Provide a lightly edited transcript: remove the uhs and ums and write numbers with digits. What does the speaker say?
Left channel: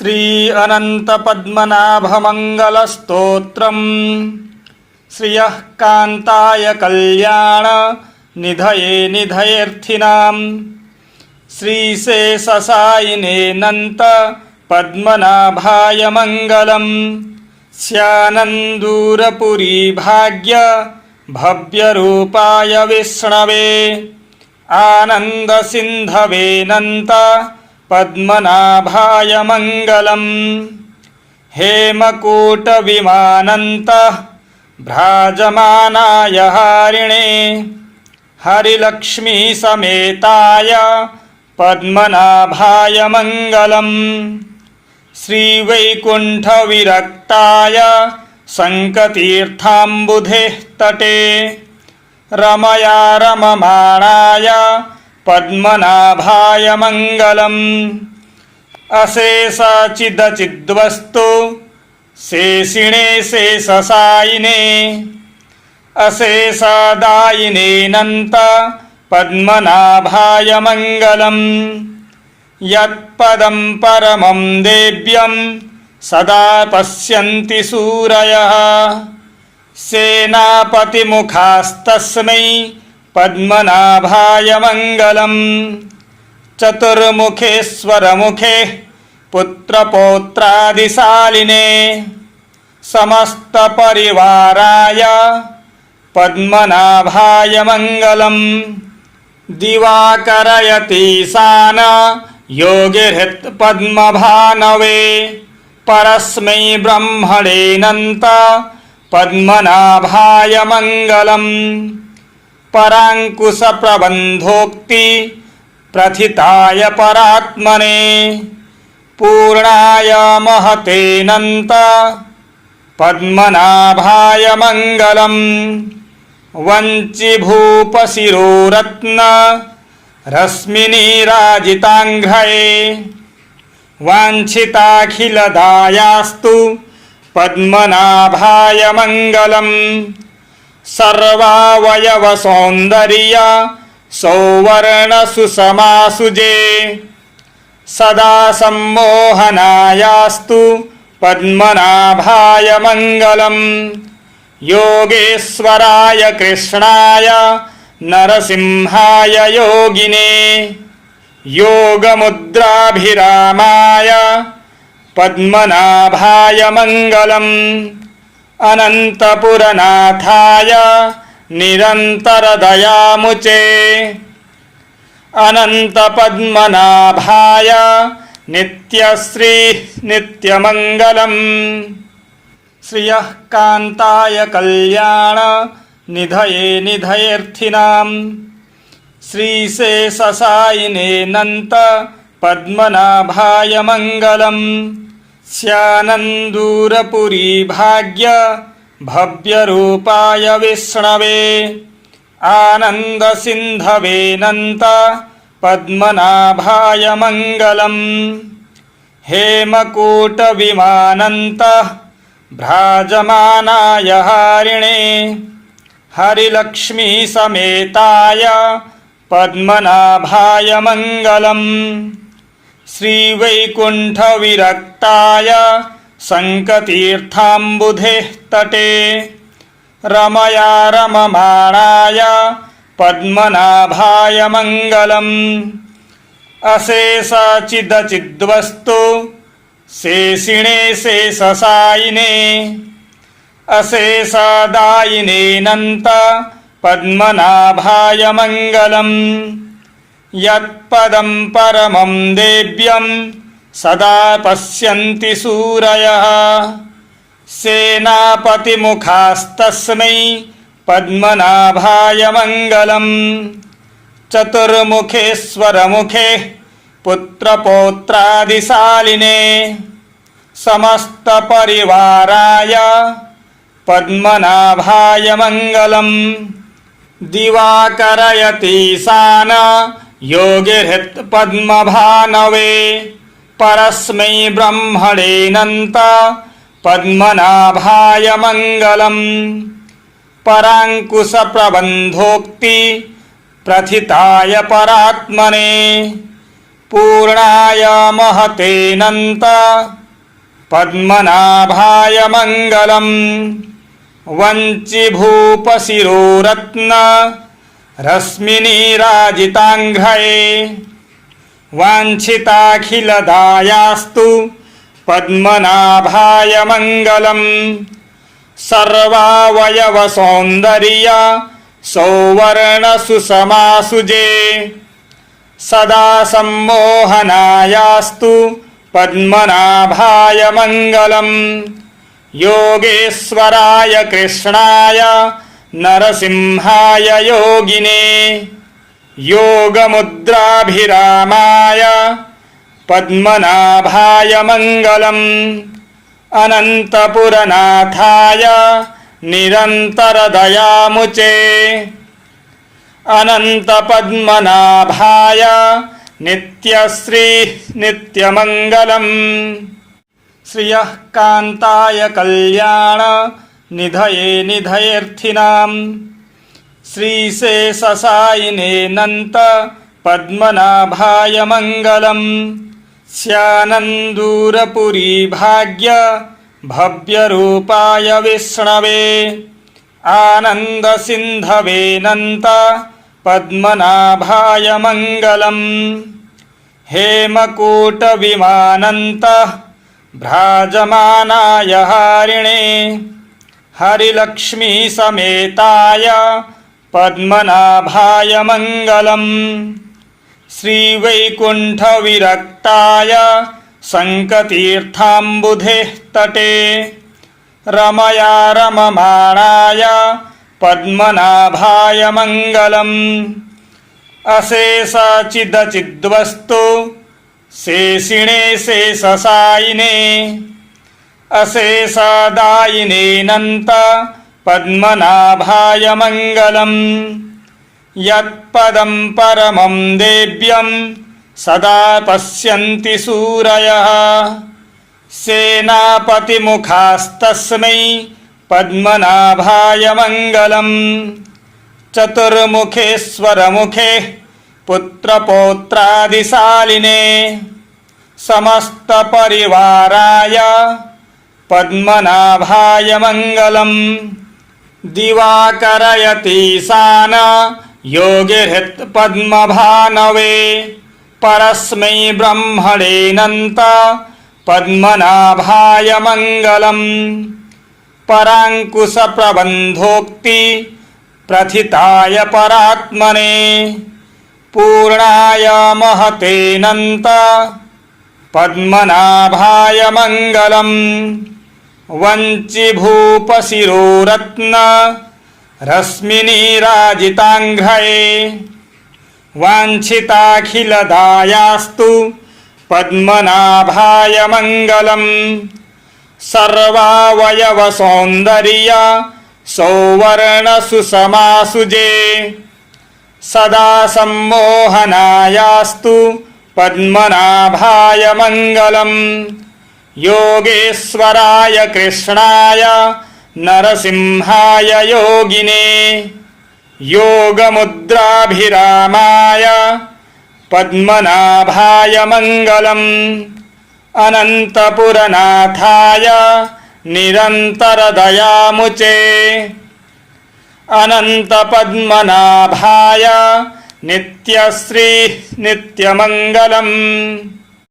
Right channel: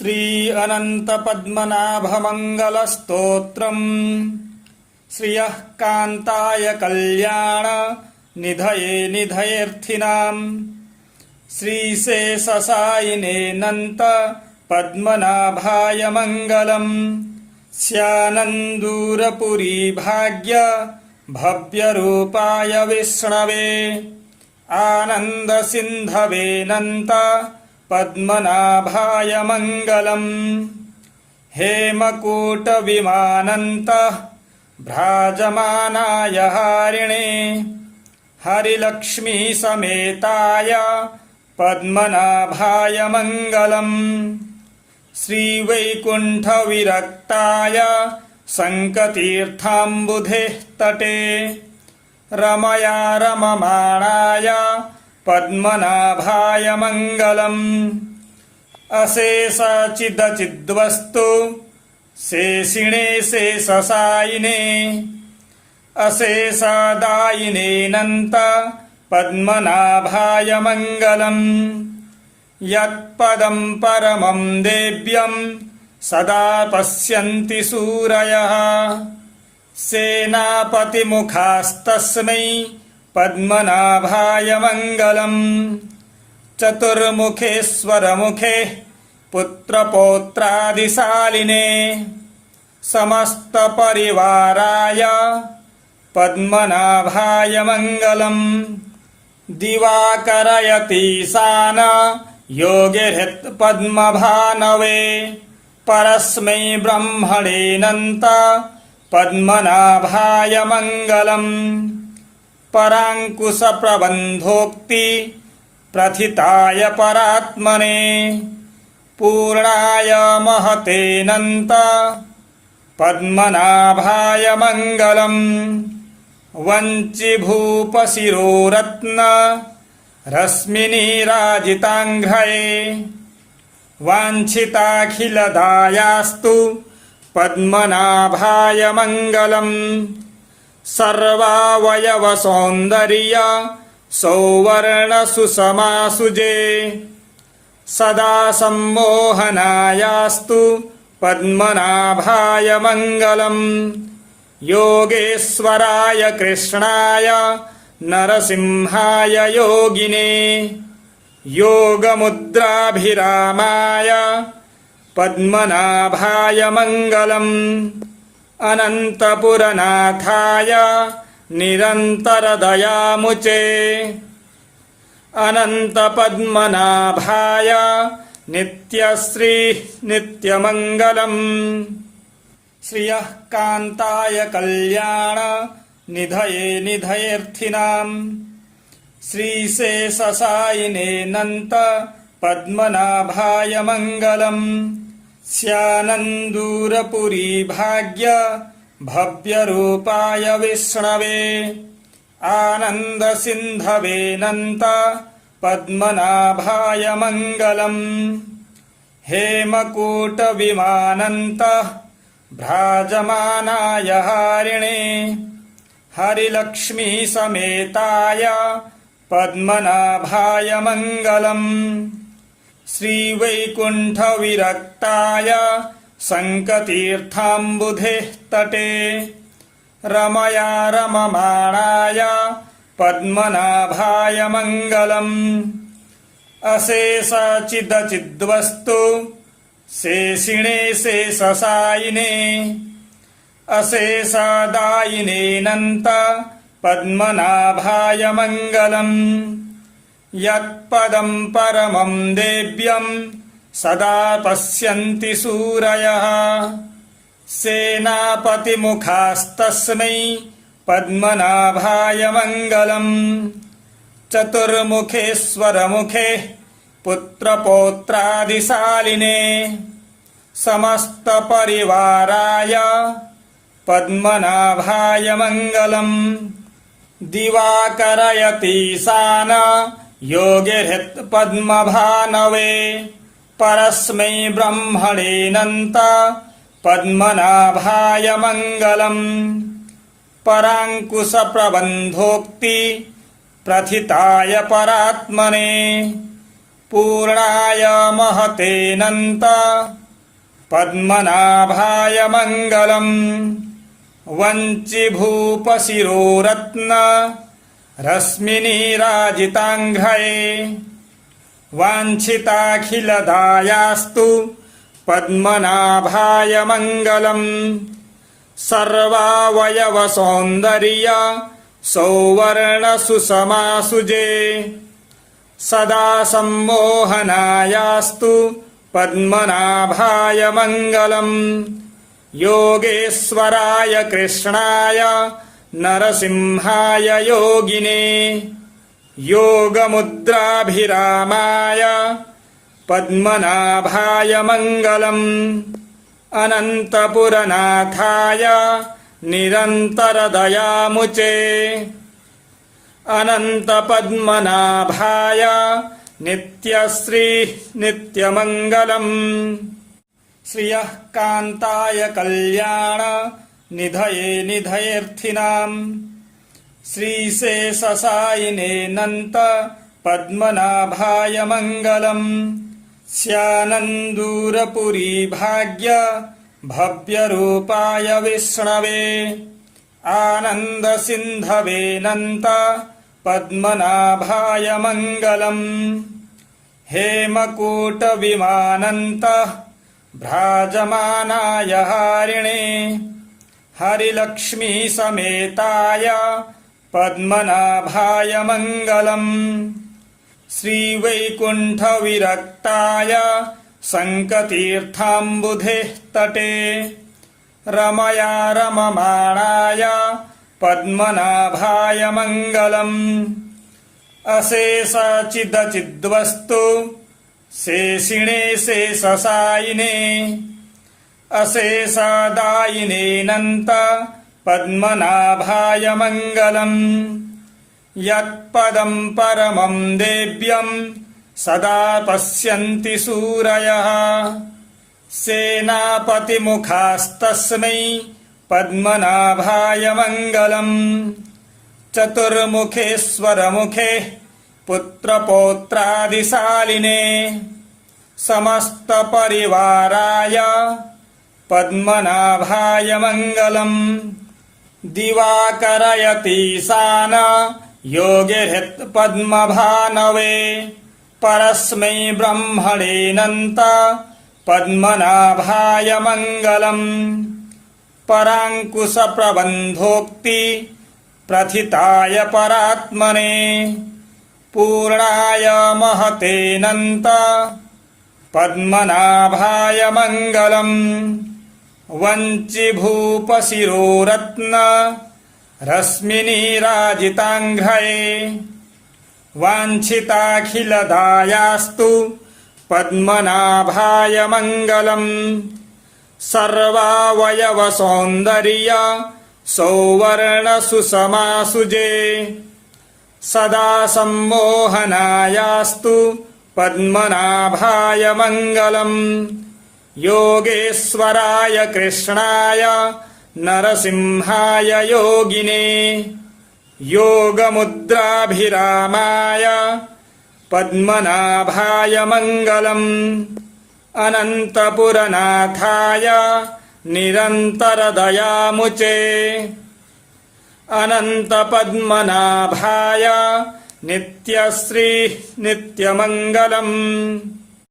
श्री अनंत पद्मनाभ मंगल स्तोत्रम् श्रियः कांताय कल्याण निधये निधयेऽर्थिनां श्रीशेषसायिने नन्त पद्मनाभाय मंगलम् स्यानन्दूरपुरी भाग्य भव्यरूपाय विष्णवे आनंद सिंधवे नन्त पद्मनाभाय मंगलम् हेमकूटविमानन्तः भ्राजमानाय हारिणे हरिलक्ष्मी समेताय पद्मनाभाय मंगलम् श्रीवैकुण्ठविरक्ताय शङ्खतीर्थाम्बुधेः तटे रमया रममाणाय पद्मनाभाय मंगलम् अशेषचिदचिद्वस्तु शेषिणे शेषसायिने अशेषदायिने नन्त पद्मनाभाय मंगलम् यत्पदं परमं देव्यं सदा पश्यन्ति सूरयः सेनापतिमुखास्तस्मै पद्मनाभाय मंगलम् चतुर्मुखेश्वरमुखे पुत्रपौत्रादिशालिने समस्तपरिवाराय पद्मनाभाय मंगलम् दिवाकरयतीशान योगिहृत् पद्मभानवे परस्मै ब्रह्मणे नन्त पद्मनाभाय मंगलम् परांकुश प्रबंधोक्ति प्रथिताय परात्मने पूर्णाय महते नन्त पद्मनाभाय मंगलम् वंचिभूपशिरोरत्न रश्मिनीराजितांघ्रे वाञ्छिताखिलदायास्तु पद्मनाभाय मंगलम् सर्वावयवसौन्दर्य सौवर्णसुषमासुजे सदा सम्मोहनायास्तु पद्मनाभाय मंगलम् योगेश्वराय कृष्णाय नरसिंहाय योगिने योगमुद्राभिरामाय पद्मनाभाय मंगलम् अनंतपुरनाथाय निरन्तरदयामुचे अनन्तपद्मनाभाय नित्यश्री नित्यमंगलम् श्रियः कांताय कल्याण निधये निधयेऽर्थिनां श्रीशेषसायिने नन्त पद्मनाभाय मंगलम् स्यानन्दूरपुरी भाग्य भव्यरूपाय विष्णवे आनंद सिंधवे नन्त पद्मनाभाय मंगलम् हेमकूटविमानन्तः भ्राजमानाय हारिणे हरिलक्ष्मी समेताय पद्मनाभाय मंगलम् श्रीवैकुण्ठविरक्ताय शङ्खतीर्थाम्बुधेः तटे रमया रममाणाय पद्मनाभाय मंगलम् अशेषचिदचिद्वस्तु शेषिणे शेषसायिने अशेषदायिने नन्त पद्मनाभाय मंगलम् यत्पदं परमं देव्यं सदा पश्यन्ति सूरयः सेनापतिमुखास्तस्मै पद्मनाभाय मंगलम् चतुर्मुखेश्वरमुखे पुत्रपौत्रादिशालिने समस्तपरिवाराय पद्मनाभाय मंगलम् दिवाकरयतीशान योगिहृत् पद्मभानवे परस्मै ब्रह्मणे नन्त पद्मनाभाय मंगलम् परांकुश प्रबंधोक्ति प्रथिताय परात्मने पूर्णाय महतेऽनन्त पद्मनाभाय मङ्गलम् वञ्चिभूपशिरोरत्न रश्मिनीराजिताङ्घ्रये वाञ्छिताखिलदायास्तु पद्मनाभाय मङ्गलम् सर्वावयवसौन्दर्य सौवर्णसुषमासुजे सदा सम्मोहनायास्तु पद्मनाभाय मङ्गलम् योगेश्वराय कृष्णाय नरसिंहाय योगिने योगमुद्राभिरामाय पद्मनाभाय मङ्गलम् अनन्तपुरनाथाय निरन्तरदयामुचे अनन्तपद्मनाभाय नित्यश्री नित्यमङ्गलम् श्रियः कान्ताय कल्याण निधये निधयेऽर्थिनाम् श्रीशेषसायिनेऽनन्त पद्मनाभाय मङ्गलम् स्यानन्दूरपुरी भाग्य भव्यरूपाय विष्णवे आनन्दसिन्धवेऽनन्त पद्मनाभाय मङ्गलम् हेमकूटविमानन्त भ्राजमानाय हारिणे हरिलक्ष्मीसमेताय पद्मनाभाय मङ्गलम् श्रीवैकुण्ठविरक्ताय सङ्कतीर्थाम्बुधेः तटे रमया रममाणाय पद्मनाभाय मङ्गलम् अशेषचिदचिद्वस्तु शेषिणे शेषशायिने अशेषदायिनेऽनन्त पद्मनाभाय मङ्गलम् यत्पदं परमं देव्यं सदा पश्यन्ति सूरयः सेनापतिमुखास्तस्मै पद्मनाभाय मङ्गलम् चतुर्मुखेश्वरमुखे पुत्रपौत्रादिशालिने समस्तपरिवाराय पद्मनाभाय मङ्गलम् दिवाकरयतीशान योगिहृत् पद्मभानवे परस्मै ब्रह्मणेऽनन्त पद्मनाभाय मङ्गलम् पराङ्कुशप्रबन्धोक्ति प्रथिताय परात्मने पूर्णाय महतेऽनन्त पद्मनाभाय मङ्गलम् वञ्चिभूपशिरोरत्न रश्मिनीराजिताङ्घ्रये वाञ्छिताखिलदायास्तु पद्मनाभाय मङ्गलम् सर्वावयवसौन्दर्य सौवर्णसुषमासुजे सदा सम्मोहनायास्तु पद्मनाभाय मङ्गलम् योगेश्वराय कृष्णाय नरसिंहाय योगिने योगमुद्राभिरामाय पद्मनाभाय मङ्गलम् अनन्तपुरनाथाय निरन्तरदयामुचे अनन्तपद्मनाभाय नित्यश्री नित्यमङ्गलम्।